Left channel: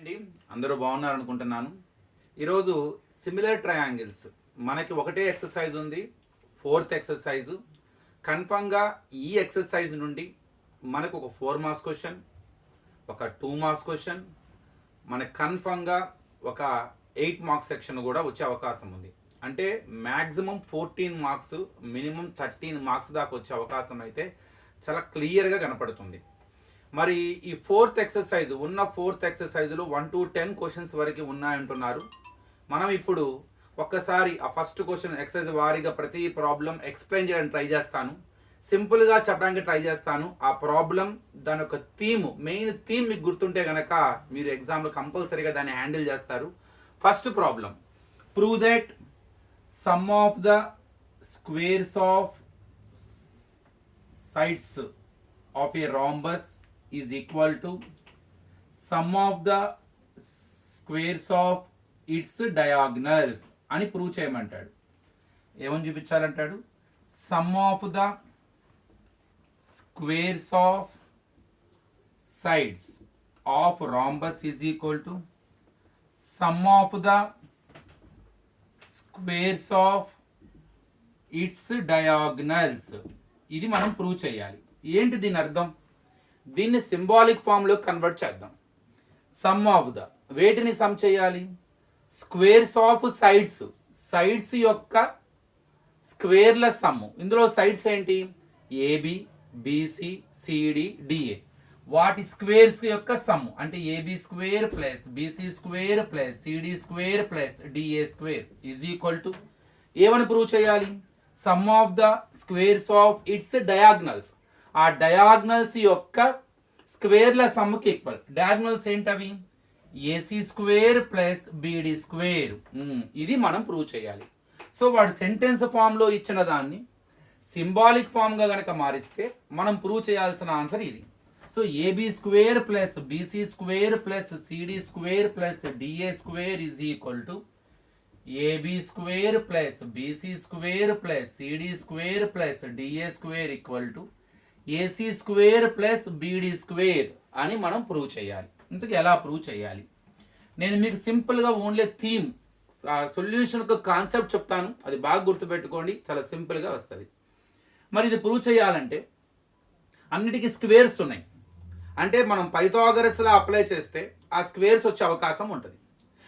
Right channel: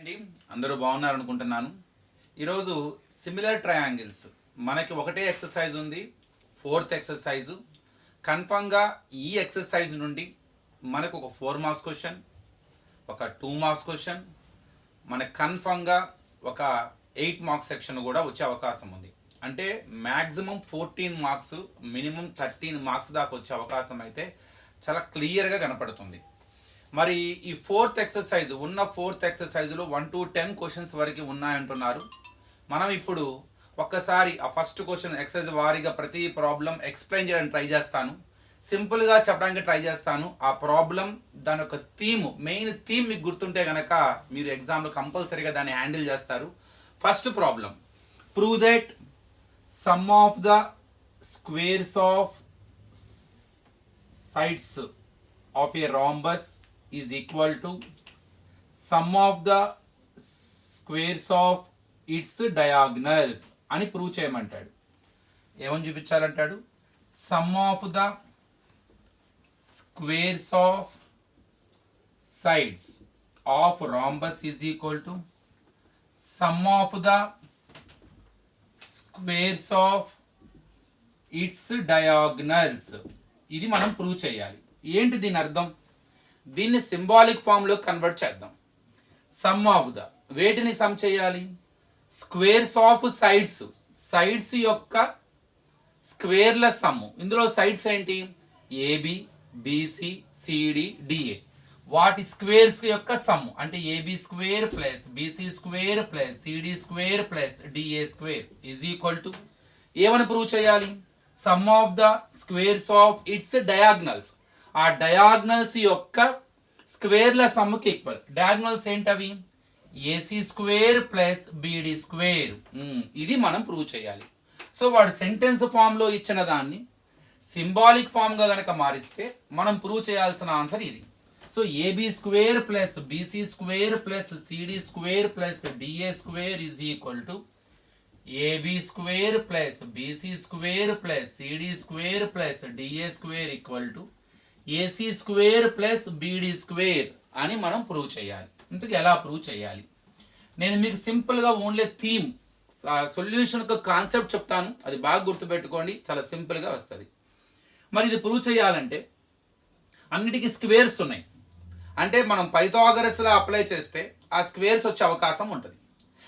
అండి అందరూ బాగున్నారు అనుకుంటున్నాను. ఈరోజు సిమిలర్ ట్రయాంగిల్స్ మనకి ఒకటే ఎక్సర్సైజ్ ఉంది, ఫోర్త్ ఎక్సర్సైజు. కన్ఫామ్గా ఈ ఎక్సర్సైజ్ నుండి మనకు ఒక 4 మార్క్స్ క్వశ్చన్, ఒక 2 మార్క్స్ క్వశ్చన్, మనకు కన్ఫామ్గా ఒక 8 మార్క్స్ సెక్షన్ కూడా వచ్చే అవకాశం ఉంది. అంటే మ్యాక్సిమం 14 మార్క్స్, మినిమం 13 మార్క్స్ దాకా వచ్చే అవకాశం అయితే చాలా క్లియర్గా కనపడుతుంది. మరి ఈ ఫోర్త్ ఎక్సర్సైజ్ ఉన్న ఫోర్త్ ఎక్సర్సైజ్లో 1 to 10 క్వశ్చన్స్ వరకు ఉన్నాయంటున్నారు. మనం ఇప్పుడు ఒక్కసారి ఆ ఫస్ట్ క్వశ్చన్ ఎక్సర్సైజ్ వారీగా ప్రతి ప్రాబ్లం ఎక్స్ప్లెయిన్ చేయడానికి ట్రై చేస్తాను, సింపుల్గా చెప్పడానికి ట్రై చేస్తాను. ఆ ప్రాబ్లం దాని యొక్క మెయిన్ థీమ్ మీకు గుర్తుంటే కనుక మీరు ఎగ్జామ్లో కంపల్సరీగా దాన్ని హ్యాండిల్ చేస్తారు. First problem, prove that some of the squares of sides of a rhombus is equal to sum of the squares of its diagonals అని ప్రూవ్ చేయమంటాడు. ఏమని చూపించాలంటాడు? Sum of the squares of sides of rhombus is equal to sum of the squares of its diagonals. ఇది మనం prove చేయాలి. ఏంటి దీని అర్థం? దీన్ని సింబాలిక్ ఫామ్లో కన్వర్ట్ చేద్దాం. సమ్ ఆఫ్ ద వేటిని సమ్ చేయాలి? స్క్వేర్స్ ఆఫ్ సైడ్స్ యొక్క స్క్వేర్ల సమ్. ఇందులో సైడ్స్ ఏంటి? AB, BC, CD, DA. వాటి స్క్వేర్స్ యొక్క సమ్ అంటే AB square plus BC square plus CD square plus DA square is equal to ఏమని ప్రూవ్ చేయాలి? Sum of the squares of its diagonals. ఆ డయాగ్నల్స్ యొక్క స్క్వేర్ల సమ్కి ఈక్వల్. డయాగ్నల్స్ ఏంటవి? AC square plus BD square. ఇది మనం ప్రూవ్ చేయాలి. సో వాడు సెంటెన్స్ ఫామ్లో ఇచ్చిన దాన్ని సింబాలిక్ ఫామ్గా కనుక మారిస్తే మనం ప్రూవ్ చేయాల్సిన ఆన్సర్ ఇది. So AB square plus BC square plus CD square plus DA square is equal to AB square plus BC square plus CD square plus DA square equal to AC square plus BD square అని మనం prove చేయాలి. ఇంతకు ఎలా prove చేయాలి? నేను మీకు సింపుల్గా only theme సొల్యూషన్కు concept చెప్తాను, అది బాగా గుర్తుపెట్టుకోండి, చాలా సింపుల్గా వస్తుంది. మరి ఇది ప్రూవ్ చేయాలంటే అన్నిటికీ స్క్వేర్స్ ఉన్నాయి. అంటే మనం పైథాగరస్లో అప్లై చేస్తే ఆ స్క్వేర్స్ వచ్చే అవకాశం ఉంటుంది.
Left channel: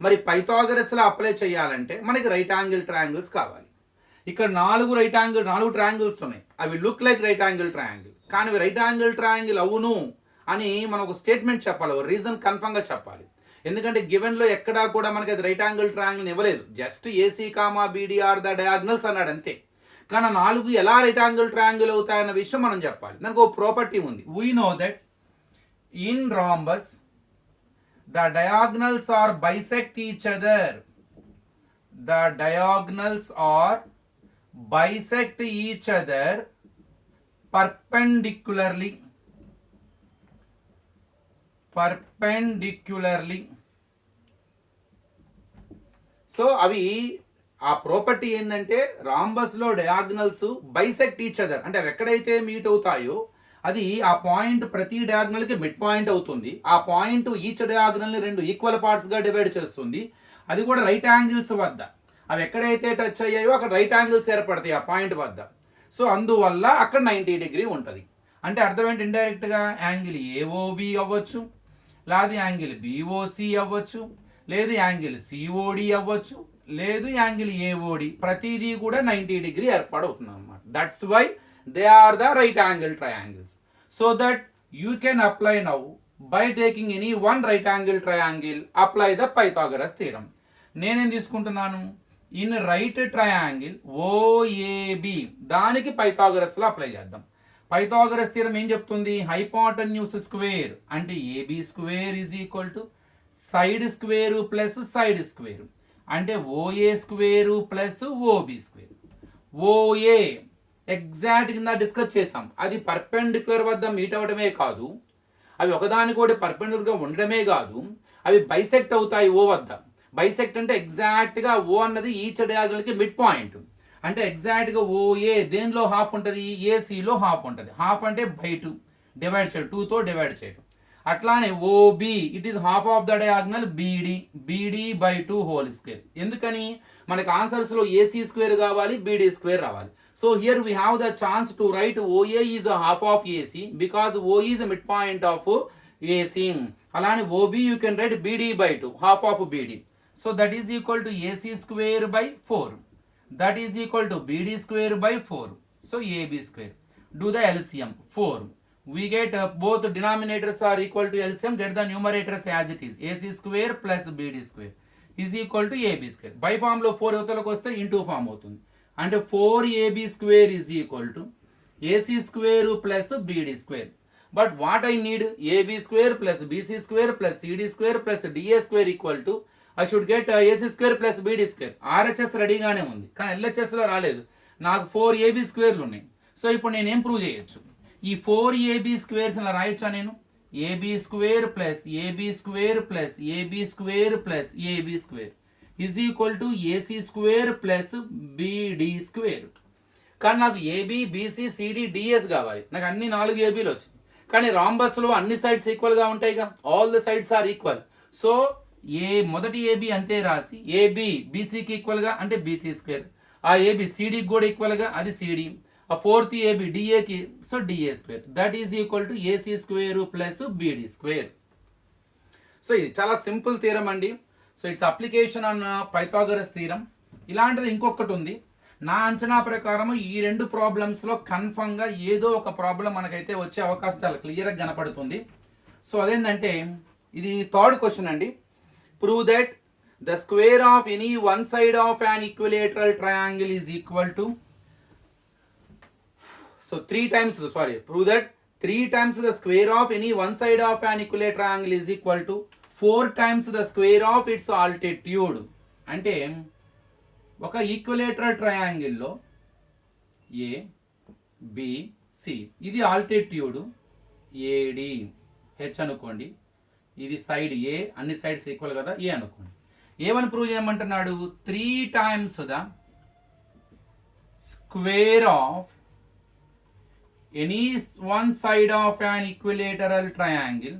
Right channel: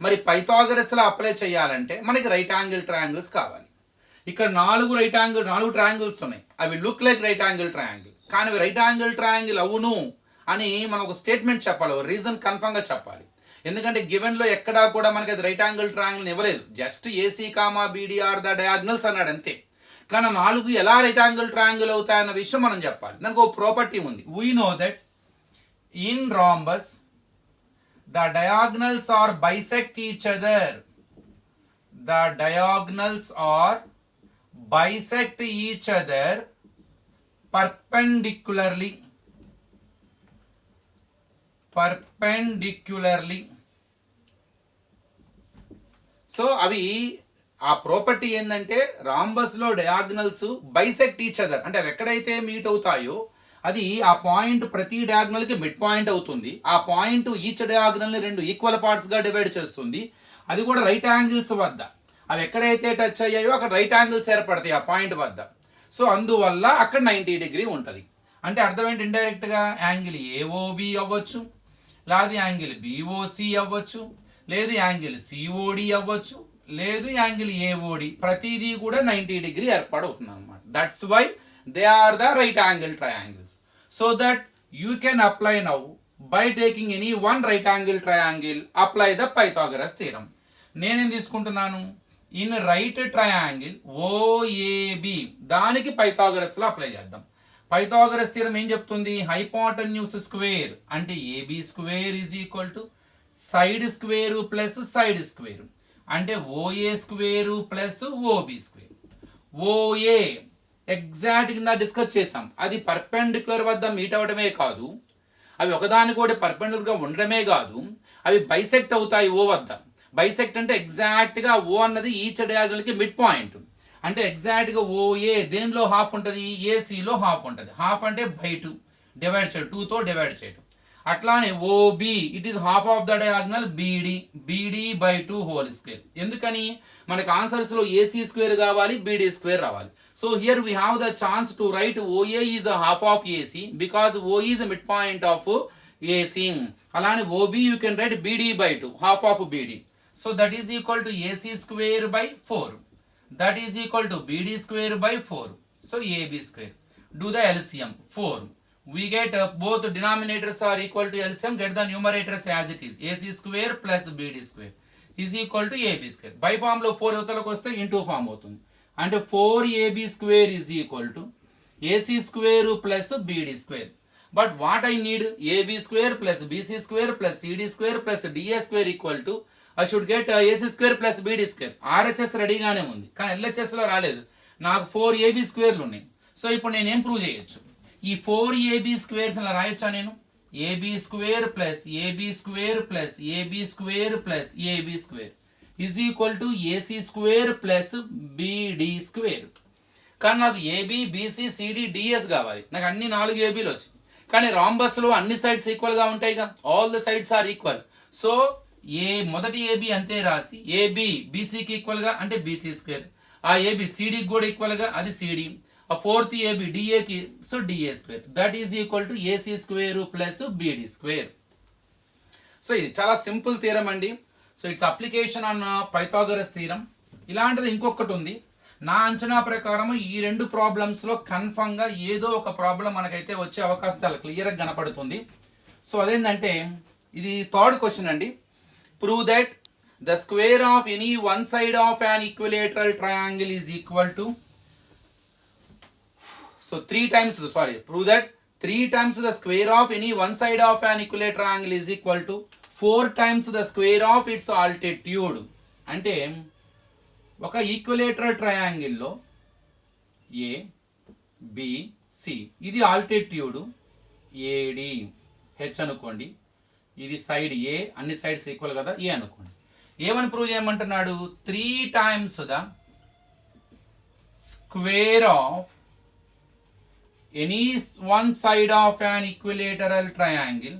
మరి పైథాగరస్లో అప్లై చేయాలంటే మనకి రైట్ యాంగిల్ ట్రయాంగిల్స్ కావాలి. ఇక్కడ 4 ట్రయాంగిల్స్ ఉన్నాయి. అవి look like right angle triangle, కానీ అవి రైట్ యాంగిల్ ట్రయాంగిల్ అవును అని మనం ఒక స్టేట్మెంట్ చెప్పాలి, ఒక రీజన్ కన్ఫర్మ్గా చెప్పాలి. ఎందుకంటే గివెన్లో ఎక్కడా కూడా మనకి అది రైట్ యాంగిల్ ట్రయాంగిల్ ఇవ్వలేదు, just AC comma BD are the diagonals అన్నాడు అంతే. కానీ 4 ఎలా రైట్ యాంగిల్ ట్రయాంగిల్ అవుతాయన్న విషయం మనం చెప్పాలి. దానికి ఒక ప్రాపర్టీ ఉంది. We know that in rhombus the diagonals are bisect each other. The diagonals are bisect each other perpendicularly. So అవి ఆ ప్రాపర్టీ ఏంటంటే రాంబస్ లో డయాగ్నల్స్ బైసెక్ట్ ఈచ్ అదర్, అంటే అవి ఎక్కడైతే మీట్ అవుతాయో అది ఆ పాయింట్ ప్రతి డయాగ్నల్ కి మిడ్ పాయింట్ అవుతుంది. ఆ పాయింట్ ఈచ్ డయాగ్నల్ ని 2 ఈక్వల్ పార్ట్స్ గా డివైడ్ చేస్తుంది. అది కూడా రైట్ యాంగిల్స్ వద్ద. అవి ఎక్కడైతే టచ్ అయ్యాయో అక్కడ రైట్ యాంగిల్స్ ఏర్పడతాయి ఆ పాయింట్ వద్ద. సో అందువల్ల అక్కడ 90 డిగ్రీ ఉంటుంది. అంటే అర్థం ఏంటి? ఇండైరెక్ట్గా యాంగిల్ ఏఓబి అవ్వచ్చు, లేదు యాంగిల్ బిఓసి అవ్వచ్చు, లేదు యాంగిల్ సిఓడి అవ్వచ్చు, లేదు యాంగిల్ ఏఓడి. ప్రతిదీ కూడా 90 డిగ్రీ ఏర్పడవుతుంది అనమాట. That's why they are the right angle triangles. So that you can apply now by taking any one right angle triangle, apply the Pythagoras theorem. నేనేం తీసుకుంటున్నాను? ఇన్ రైట్ ట్రయాంగిల్ ఓఏబి, దానికి పైథాగరస్లో apply చేద్దాం. Pythagoras theorem ఏం చెప్తుంది? Hypotenuse square అంటే AB square is equal to side square plus side square అంటే OA square plus OB square. OA exact కింద డిస్కస్ చేసాం, అది పర్పెండిక్యులర్ వద్ద మీట్ అవ్వడమే కాదు, అవి ఒకదానికొకటి పర్పెండిక్యులర్గా ఉండడమే కాదు, అవి బైసెక్ట్ అవుతాయి ఓ వద్ద. బైసెక్ట్ అంటే ఎగ్జాక్ట్గా ఓ అన్నది ఈచ్ డయాగ్నల్కి మిడ్ పాయింట్. అంటే ఎగ్జాక్ట్గా ఓఏ దేనిలో హాఫ్ ఉంటుంది? ఏసీలో హాఫ్ ఉంటుంది. హాఫ్ అంటే బై 2 డివైడ్ చేయడం, 2తో డివైడ్ చేయడం. అట్లానే OB it is half of the diagonal BD by 2 whole square. ఎందుకని మనకి ఆన్సర్స్ లో ఏసీ స్క్వేర్ కావాలి, బీడీ స్క్వేర్ రావాలి. So here we have the chance to write OA is a half of AC because O is mid point of AC. అలానే OB you can write BD by 2 half of BD. So that is equal to AC square by 4. That is equal to BD square by 4. So AB square. Do the LCM 4. We get both denominators are equal to LCM. Get the numerators as it is. AC square plus BD square is equal to AB square. By form లో 4 యువతలకు వస్తే into form అవుతుంది. అంటే 4AB square is equal to AC square plus BD square. But what I need AB square plus BC square plus CD square plus DA square equal to I should get AC square plus BD square. RHS రెడీగానే ఉంది కానీ LHS లో రాలేదు. నాకు 4AB స్క్వేర్లు ఉన్నాయి. So ఇప్పుడు నేను ఏం prove చేయొచ్చు? ఈ 4AB స్క్వేర్స్ ఇలా రాయొచ్చా నేను? AB square plus AB square plus AB square plus AB square is equal to AC square plus BD square. కానీ నాకు ఏబీ బీసీ సిడి డిఎస్ కావాలి. నాకు అన్ని 4 ఏబీలు వచ్చాయి. కానీ రాంబస్లో అన్ని సైడ్స్ ఈక్వల్గా ఉంటాయిగా, all the sides are equal. So మొదటి ఏబీ అంతే రాసి ఏబీ బీసీకి ఈక్వల్గా అంటే బీసీ స్క్వేర్, ఆ ఏబీ సిడికి కూడా ఈక్వల్గా అది సిడి, ఆ ఫోర్త్ ఏబి డిఏకి so DA square. That is equal to AC square plus BD square. So ఇది చాలా సింపుల్ థీరం అండి. So its application on Pythagoras theorem. ఇలాంటిది ఇంకొకటి ఉంది. నా అంచనా ప్రకారం ఈ 2 ప్రాబ్లమ్స్లో కన్ఫర్మ్గా ఏదో ఒక ప్రాబ్లం మనకైతే వచ్చే అవకాశం చాలా క్లియర్గా కనపడుతుంది. సో అదేంటంటే ఇది 3rd క్వశ్చన్ అండి. Prove that the square of any one side of an equilateral triangle is equal to So 3 times, sorry, prove that 3 times the square of any one side of an equilateral triangle is equal to 4 times the square of its altitude. అంటే ఒక equilateral ట్రయాంగిల్లో A B C ఇది altitude AD H అనుకోండి. ఇది side ఏ, అన్ని sides equal కదా ఏ అనుకోండి. ఏమని prove చేయమంటున్నాడు? 3 times the square of any one side of an equilateral triangle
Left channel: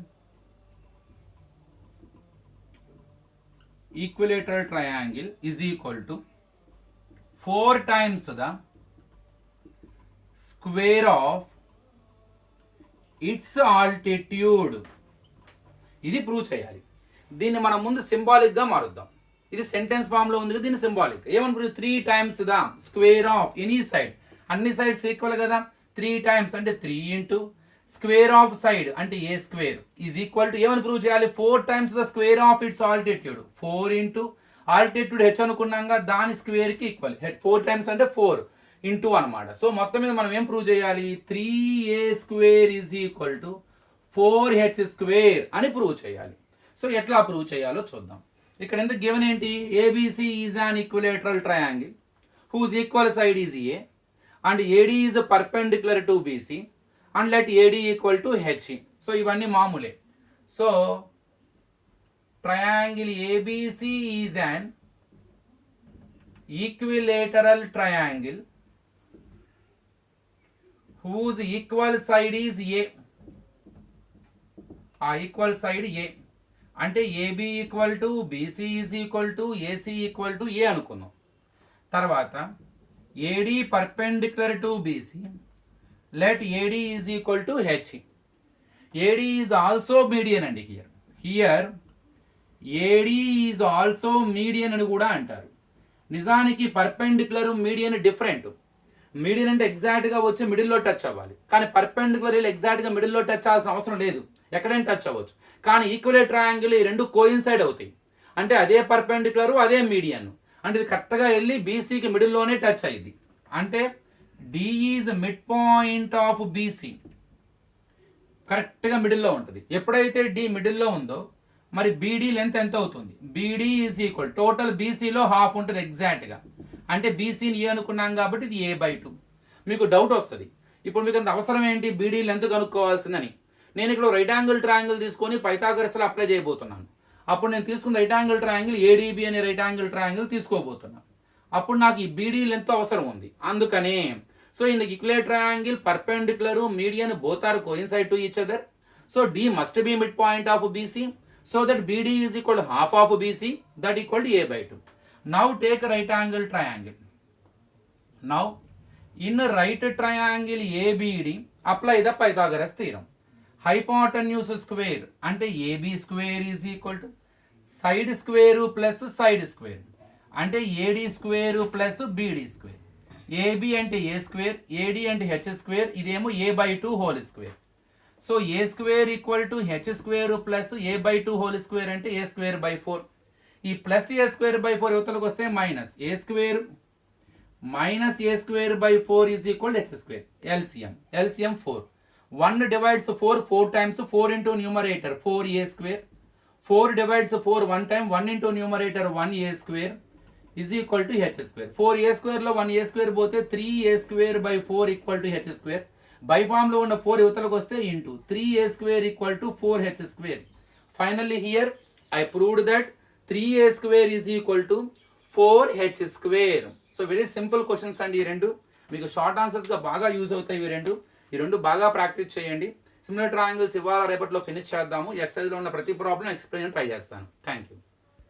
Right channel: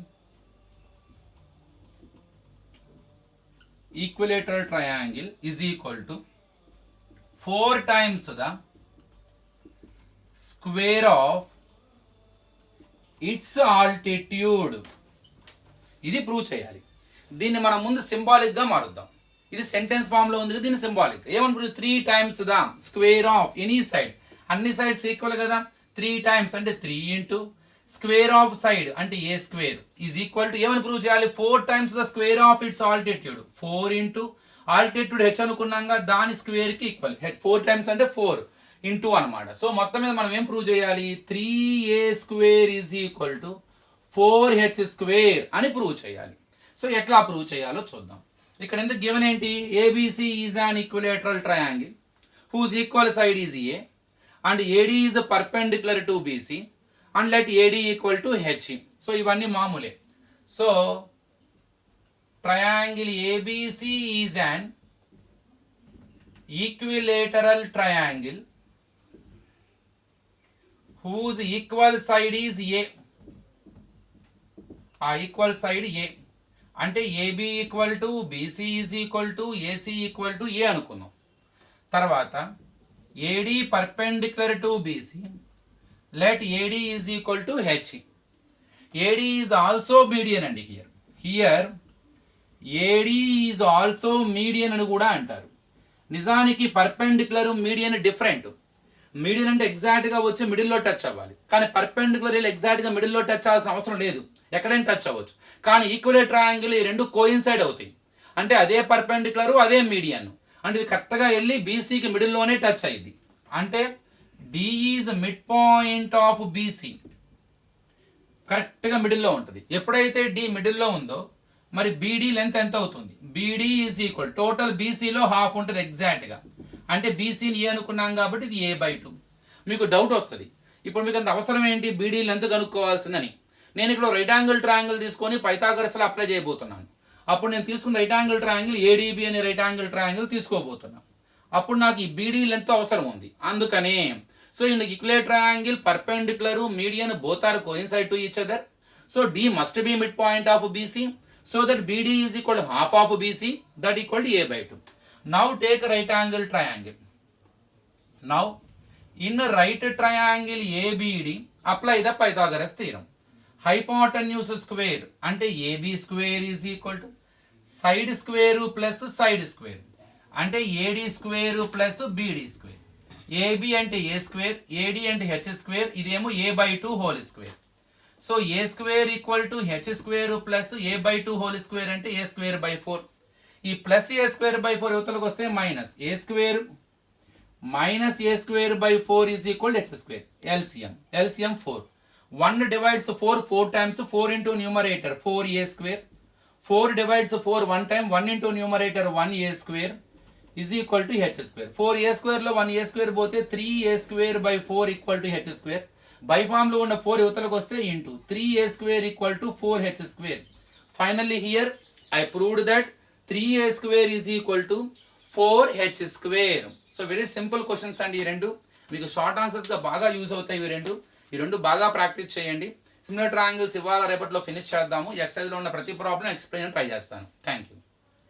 is equal to 4 times the square of its altitude. ఇది prove చేయాలి. దీన్ని మనం ముందు సింబాలిక్ గా మారుద్దాం. ఇది సెంటెన్స్ ఫామ్ లో ఉంది, దీన్ని సింబాలిక్ ఏమనుకుంటుంది? 3 times the square of any side, అన్ని సైడ్స్ ఈక్వల్ కదా, 3 times అంటే 3 ఇంటూ స్క్వేర్ ఆఫ్ సైడ్ అంటే A square is equal to ఏమని ప్రూవ్ చేయాలి? 4 times the square of its altitude. 4 into altitude H అనుకున్నాగా దాని స్క్వేర్ కి ఈక్వల్. 4 times అంటే 4 ఇంటూ అనమాట. సో మొత్తం మీద మనం ఏం ప్రూవ్ చేయాలి? 3a square is equal to 4h square అని ప్రూవ్ చేయాలి. సో ఎట్లా ప్రూవ్ చేయాలో చూద్దాం. ఇక్కడ ఎందుకు గివెన్ ఏంటి? ABC is an equilateral triangle whose equal side is a and AD is perpendicular to BC and let AD equal to HE. So ఇవన్నీ మామూలే. So triangle ABC is an equilateral triangle whose equal side is A. ఆ equal side A అంటే AB equal to BC is equal to AC equal to A అనుకున్నాం. తర్వాత AD perpendicular to BC, let AD is equal to HE. AD is also median అండి. here AD is also median అని కూడా అంటారు. నిజానికి perpendicular median different. Median అంటే ఎగ్జాక్ట్గా వచ్చి మిడిల్లో టచ్ అవ్వాలి, కానీ పర్పెండిక్యులర్ ఎగ్జాక్ట్గా మిడిల్లో టచ్ అవ్వాల్సిన అవసరం లేదు, ఎక్కడైనా టచ్ అవ్వచ్చు. కానీ ఈక్వలేట్ ట్రయాంగిల్ ఈ 2 కోయిన్సైడ్ అవుతాయి. అంటే అదే పర్పెండిక్యులర్ అదే మీడియన్ అంటే ఇది కరెక్ట్గా వెళ్ళి బీసీకి మిడిల్లోనే టచ్ అయ్యింది. అంటే D is mid point of BC, కరెక్ట్గా మిడిల్లో ఉంటుంది. ఎప్పుడైతే డి మిడిల్లో ఉందో మరి బీడీ లెంత్ ఎంత అవుతుంది? బీడీ ఈజ్ ఈక్వల్ టోటల్ బీసీలో హాఫ్ ఉంటుంది ఎగ్జాక్ట్గా. అంటే బీసీని ఏ అనుకున్నాం కాబట్టి ఇది A/2. మీకు డౌట్ వస్తుంది, ఇప్పుడు మీకు అంత అవసరం ఏంటి బీడీ లెంత్ కనుక్కోవాల్సిందని. నేను ఇక్కడ రైట్ యాంగిల్ ట్రయాంగిల్ తీసుకొని పైథాగరస్లో అప్లై చేయబోతున్నాను. అప్పుడు నేను తీసుకున్న రైట్ యాంగిల్ ట్రయాంగిల్ ఏడీబీ అనే రైట్ యాంగిల్ ట్రయాంగిల్ తీసుకోబోతున్నాను. అప్పుడు నాకు ఈ బీడీ లెంత్ అవసరం ఉంది. అందుకనే so in equilateral triangle perpendicular median both are coincide to each other. So D must be midpoint of BC. So that BD is equal to half of BC, that equal to A by 2. Now take right angle triangle. Now in right triangle ABD, apply the Pythagoras theorem. Hypotenuse square ante AB square is equal to side square plus side square ante AD square plus BD square. AB ante A square, AD ante H square, idemo A by 2 whole square. So A square equal to H square plus A by 2 whole square ante A square by 4. ఈ plus A square by 4 యువతలకు వస్తే minus A square minus a square by 4 is equal to x square. LCM 4. 1 divides 4 times, 4 into numerator 4a square. 4 divides 4 1 time, 1 into numerator 1a square is equal to h square. 4a square లో 1a square పోతే 3a square by 4 equal to h square. By form లో ఉన్న 4 యువతలకు వస్తే into 3a square equal to 4h square. Finally here I proved that 3a square is equal to 4h square. So very simple questions అండి ఈ రెండు, మీకు short ఆన్సర్స్గా బాగా use అవుతాయి ఈ రెండు బాగా ప్రాక్టీస్ చేయండి. సిమిలర్ ట్రయాంగిల్స్ ఇవాళ రేపట్లో ఫినిష్ చేద్దాము. ఎక్సైజ్లో ఉన్న ప్రతి ప్రాబ్లం ఎక్స్ప్లెయిన్ ట్రై చేస్తాను. Thank you.